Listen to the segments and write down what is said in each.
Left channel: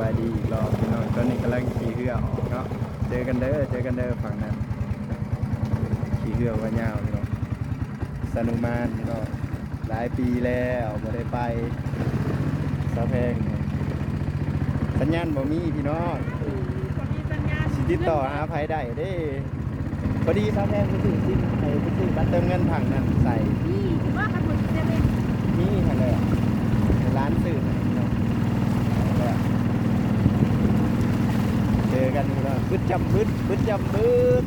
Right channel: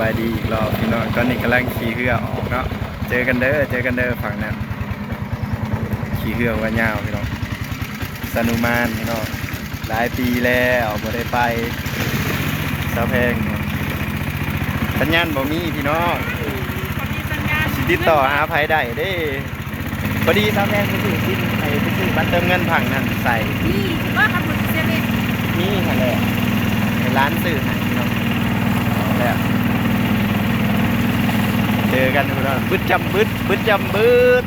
บายดีอีกรอบพี่น้องตอนนี้กำลังขี่เรือออกเนาะเจอกันเด้อเจอกันเด้อฝั่งนั้นขี่เรือว่ายาวพี่น้องสนุมานพี่น้องหลายปีแล้วบ่ได้ไปสะแพงสัญญาณบ่มีพี่น้องสิติดต่อหาไผได้เด้พอดีสะแพงไปซื้อซิมไปไปซื้อบัตรเติมเงินผังนั้นใส่นี่ว่าขับรถเซเว่นนี่ค่ะแหละในร้านสื่อให้พี่น้องเอาแล้ว เจอกันพี่น้องบึดจำบึดบึดจำบึด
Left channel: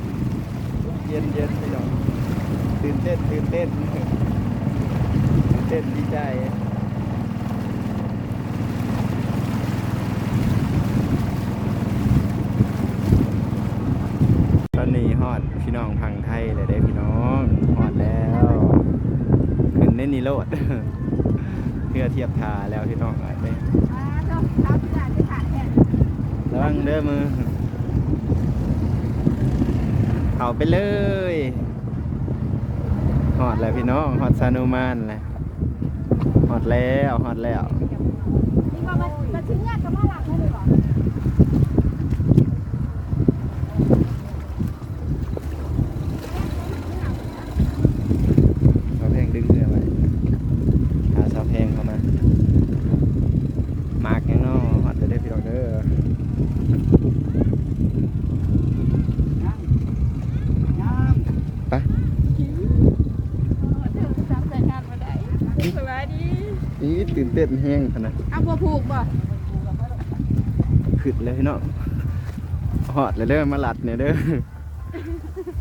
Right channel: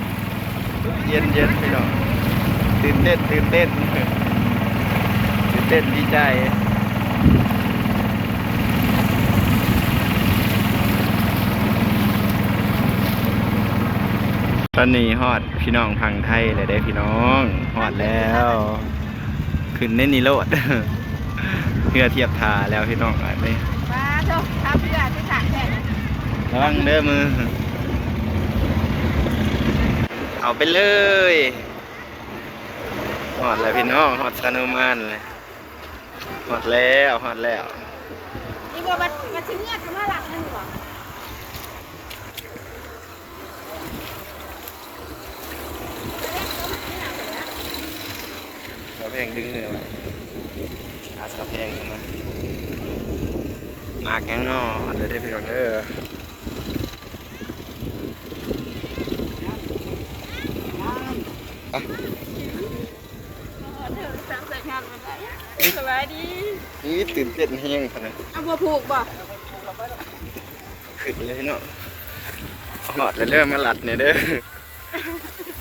เย็นเย็นพี่น้องตื่นเต้นตื่นเต้นตื่นเต้นดีใจตอนนี้ฮอดพี่น้องพังไทยเลยได้พี่น้องฮอดแล้ว ขึ้นในนิโรธเพื่อเทียบทาแล้วพี่น้องอันนี้มาเถอะทำเพื่อที่สารแทน ระวังเด้อมือ เอาไปเลยหอดแล้วพี่น้องหอดซานุมานเลยหอดแล้วหอดแล้ว นี่ว่ามาถึงเงื่อนจะมาหลักหนึ่งหรอ สาวเพลงดึงเรือไว้หาสาวเพลงเข้ามามาแกงงอหอดเลยได้อพี่น้องเด้อ ไปเดี๋ยวสั่งใส่งานมาได้สบายดีนี่ตื่นเต้นแห้งขนาดเอาบัวผูกบ่ขึ้นเลยเนาะหอดเลยเด้อมาหลัดเนี่ยเด้อ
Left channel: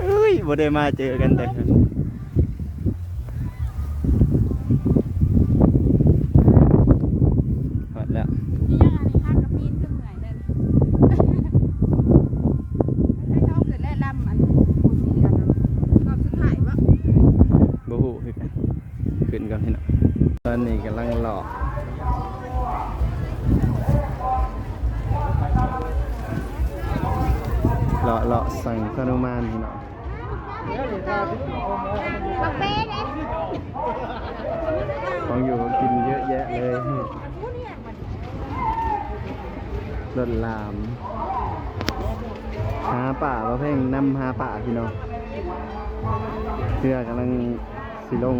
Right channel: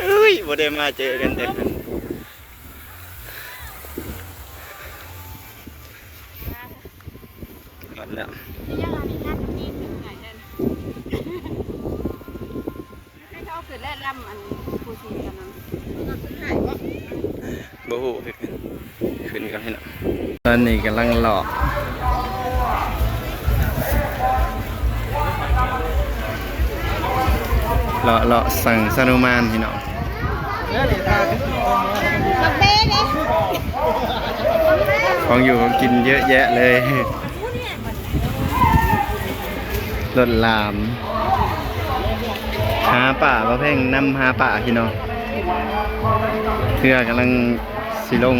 เอ้ยบ่ได้มาเจอกันแต่กันหอดแล้ว นี่ยังมีค่ากับมีขึ้นไหนเด่นให้เขาเกิดแร่ลำอันผูกตอนนั้นเราสุดท้ายวะ บ่ฮู้คือกันขึ้นกันให้เนาะ ตอนนี้กำลังหลอกเลาะเลาะสั่งสนุมานพี่น้องของอยู่ของกินเยอะแยะเลยรถลาม หาป่าประเพ่งนำหาป่าพี่น้องเพื่อกำลังสิลง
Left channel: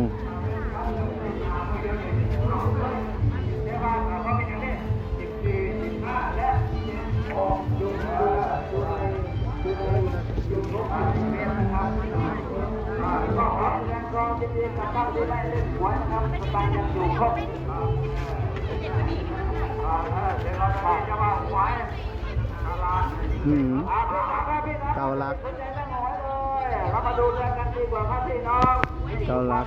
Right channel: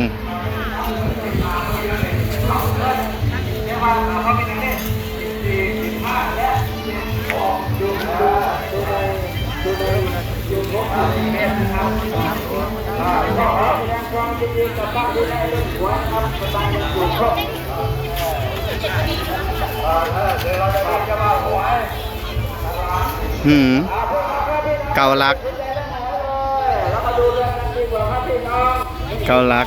หืมเกาลัก เกาลัก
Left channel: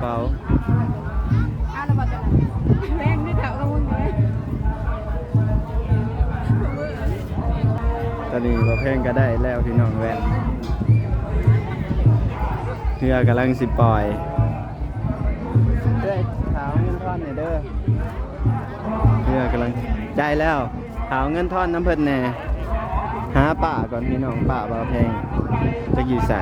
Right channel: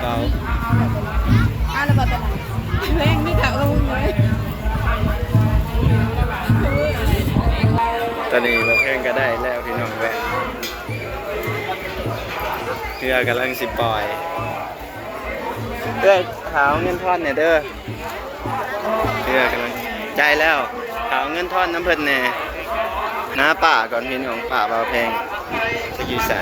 เป๋าอะแล้วบัดแรงนี่าละมุนไว้ตอนนี้บ่เพ่งก็ได้แล้วพี่น้องแวะเรือกำลังสิปล่อยเด้อขาวเงินทอนเนี่ยเด้อเรือกำลังใจแล้วขาวเงินทอนน้ำเพิ่นแน่หาป่าก่อนพี่น้องป่าบ่าแพงจะอยู่ใส่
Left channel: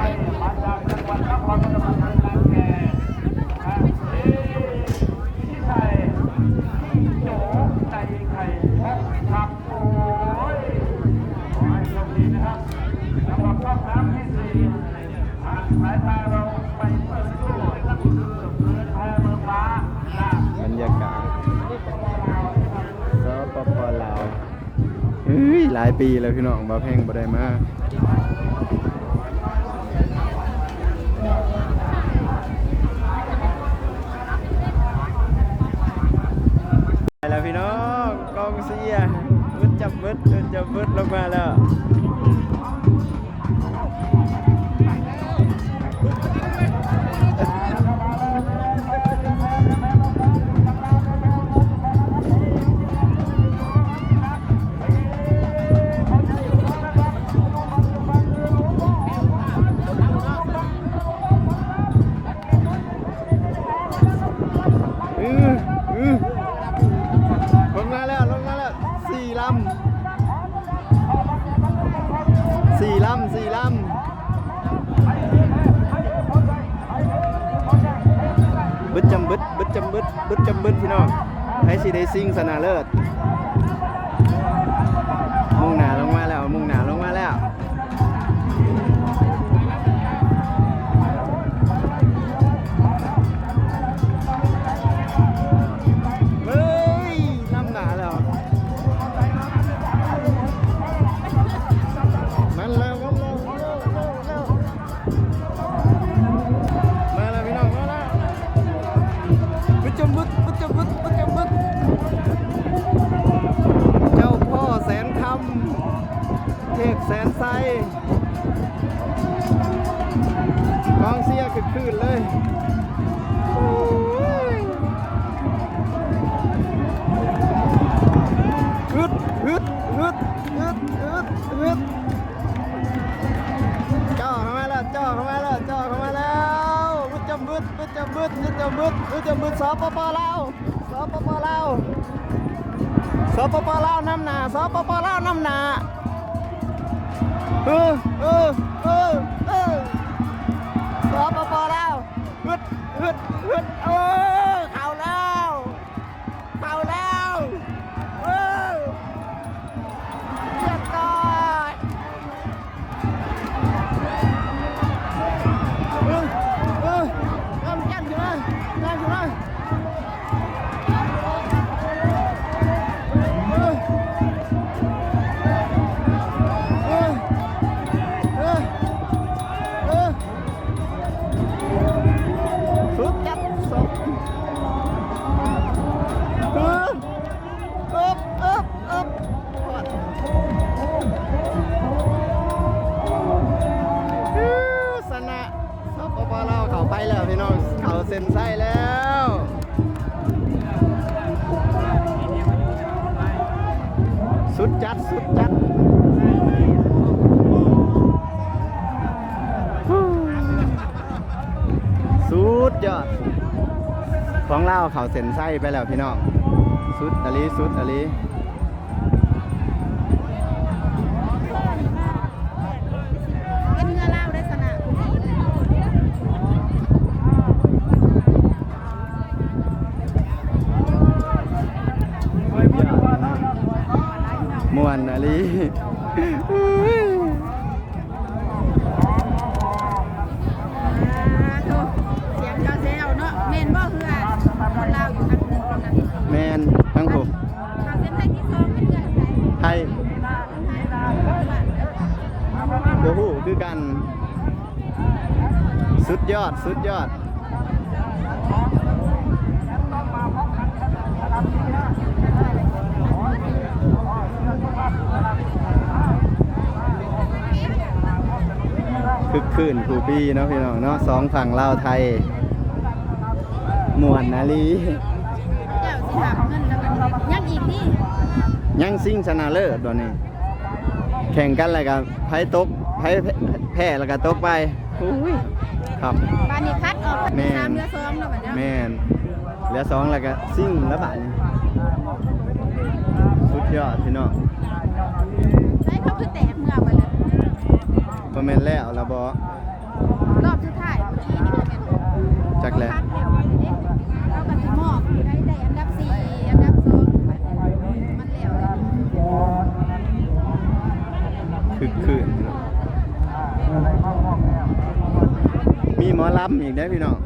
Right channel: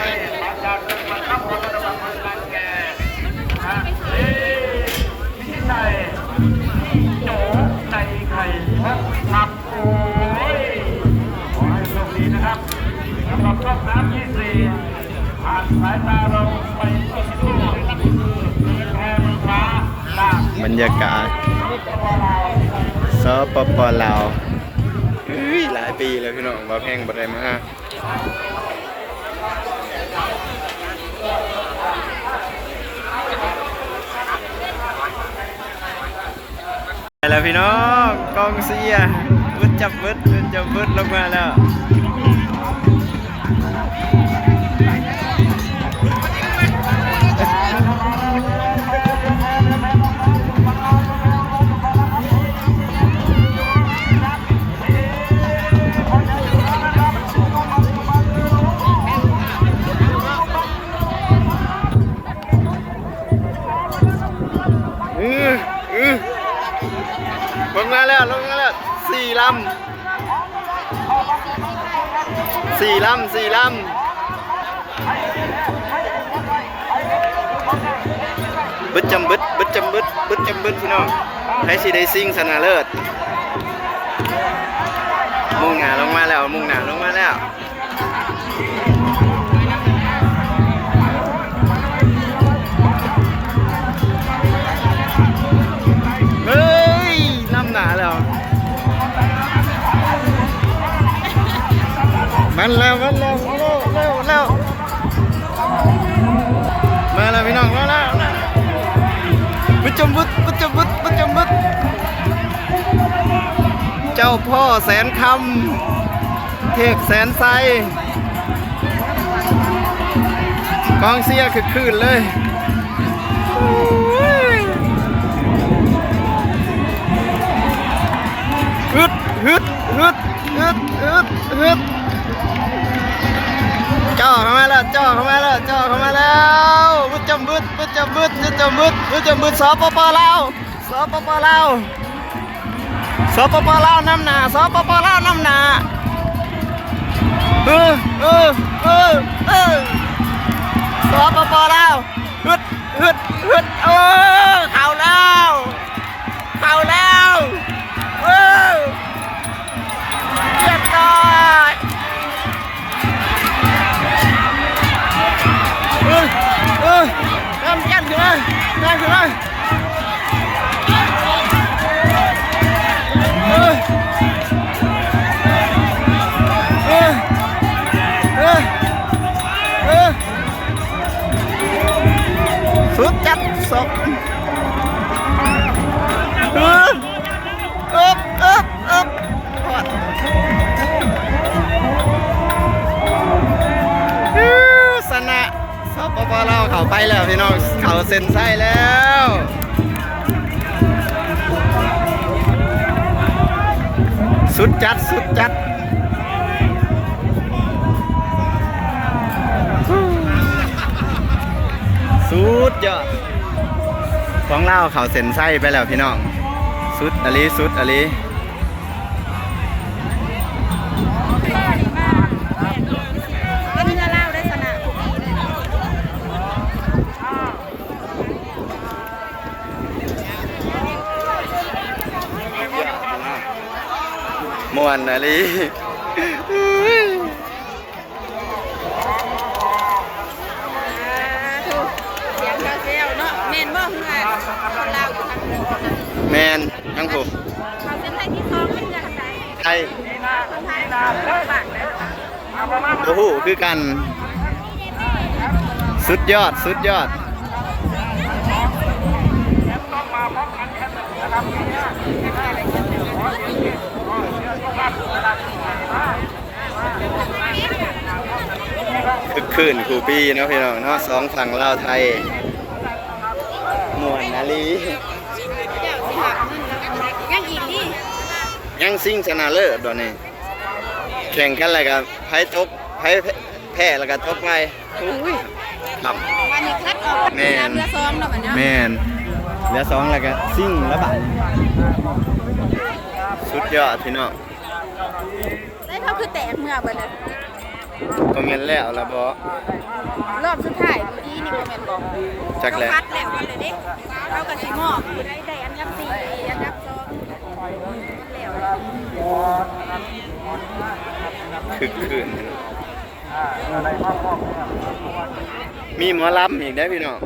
บรรยากาศสปปลาวเฮ้ยหลายปีแล้วพี่น้องบ่าแพงบ่ได้มาไปแล้วพี่น้องกองเสียบึดจับบึดบึดจับบึดลงมาแล้ว สี่ลำสี่ลำบึดจำบึดบึดจำบึดบึดจำบึดพี่น้องให้สีได้ซิ่งสนาเลิศมุ่งหนาลงมาแล้ว มุ่งหนาลงมาแล้ว ดบุจมบุดบุจมบุดเจ้าพ่อแสนคำเทกแสนไซกองเสียคือคืนเลยฮึดฮึดฮึดฮึดฮึดฮึดจ่อเข้ามาแล้วจ่อเข้ามาแล้วจ่อเข้า จำบึดมันจะมืดมันจะมืดมันจะมืดสปปลาวสปปลาวสปปลาวน้ำหนาสปปลาวน้ำหนาเออเออเออเออสปปลาวฮึดฮึดฮึดเอ เออเอบเอบเอบพอดอื้อสนะสปปเราเขาไปแล้วพี่น้องเขาเซ็นไส้แล้วสุดจัด สุดจัดสุดยอด ของเราเขาเซ็นไส้ไปแล้วพี่น้องสุดอลีสุดอลีก็มีเล่าได้สนะคุณดีมวนอลี แมนทั้งผมเขาเป็นไทยที่คลองมันจะทางไหนไทยคนไทยเราบ้านเลยโอ้โหคือกัน สุดยอดสุดยอดคือคืนครูปีเนาะพี่น้องเนาะสองฝั่งลาวไทยมวนนาลี ยังอีกดิยังซิ่งชนะเลิศตอนนี้ แข่งกันอะไรกับไพ่ตกไพ่แพ้แล้วก็ตกไปอุ้ยครับอันนี้คัดออกแม่นเรือซ้อมเนาะบัดเนี้ยแมนเหลือสองแล้วก็ซิ่งแล้วบัตสุดยอดพี่น้องเฮ้ยเขาคือแตกเมื่อบัดนั้นคอมเมนต์แล้วแล้วบอรอบสุดท้ายเมื่อกี้นี่บ่แม่นบ่จักแหล้วคัดแล้วกันเลยเด้เขาก็สิมอบผู้ใดได้อันดับสี่อันดับสองมันแล้วเลย คึกคืนพี่น้องมีหมอลำอีกได้อพี่น้อง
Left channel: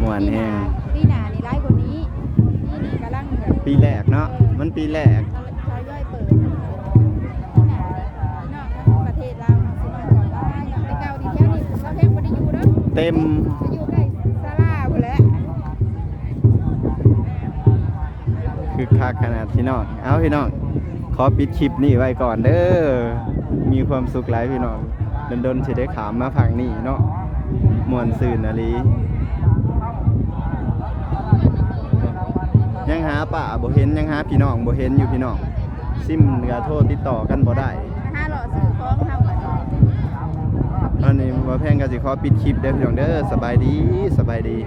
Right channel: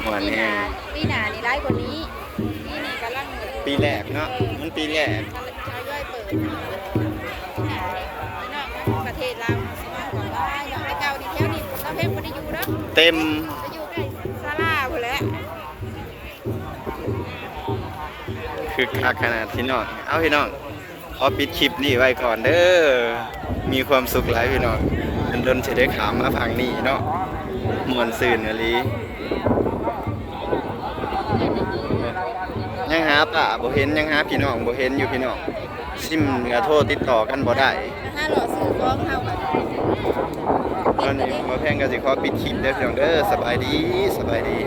หมวนแน่ปีหน้านี่ได้กว่านี้ปีนี้กำลังเลยปีแรกเนาะมันปีแรกชาวย่อยเปิดพี่น้องประเทศลาวสิมาบอกว่าอย่างแต่เก่าดีเที่ยวนี่เราเพิ่มบ่ได้อยู่เด้อเต็มจะอยู่ได้ศาลาพุ่นแหละคือคักขนาดพี่น้องเอาพี่น้อง ขอปิดคลิปนี้ไว้ก่อนเด้อ มีความสุขหลายพี่น้องเดินๆจะได้ขามมาพังนี่เนาะมวนซื่นอะลียังหาป่าบ่เห็นยังหาพี่น้องบ่เห็นอยู่พี่น้องซิมก็โทรติดต่อกันบ่ได้ห้าหล่อซื้อของเฮาอะตอนนี้บ่แพงก็สิขอปิดคลิปเด้อพี่น้องเด้อสบายดีสบายดี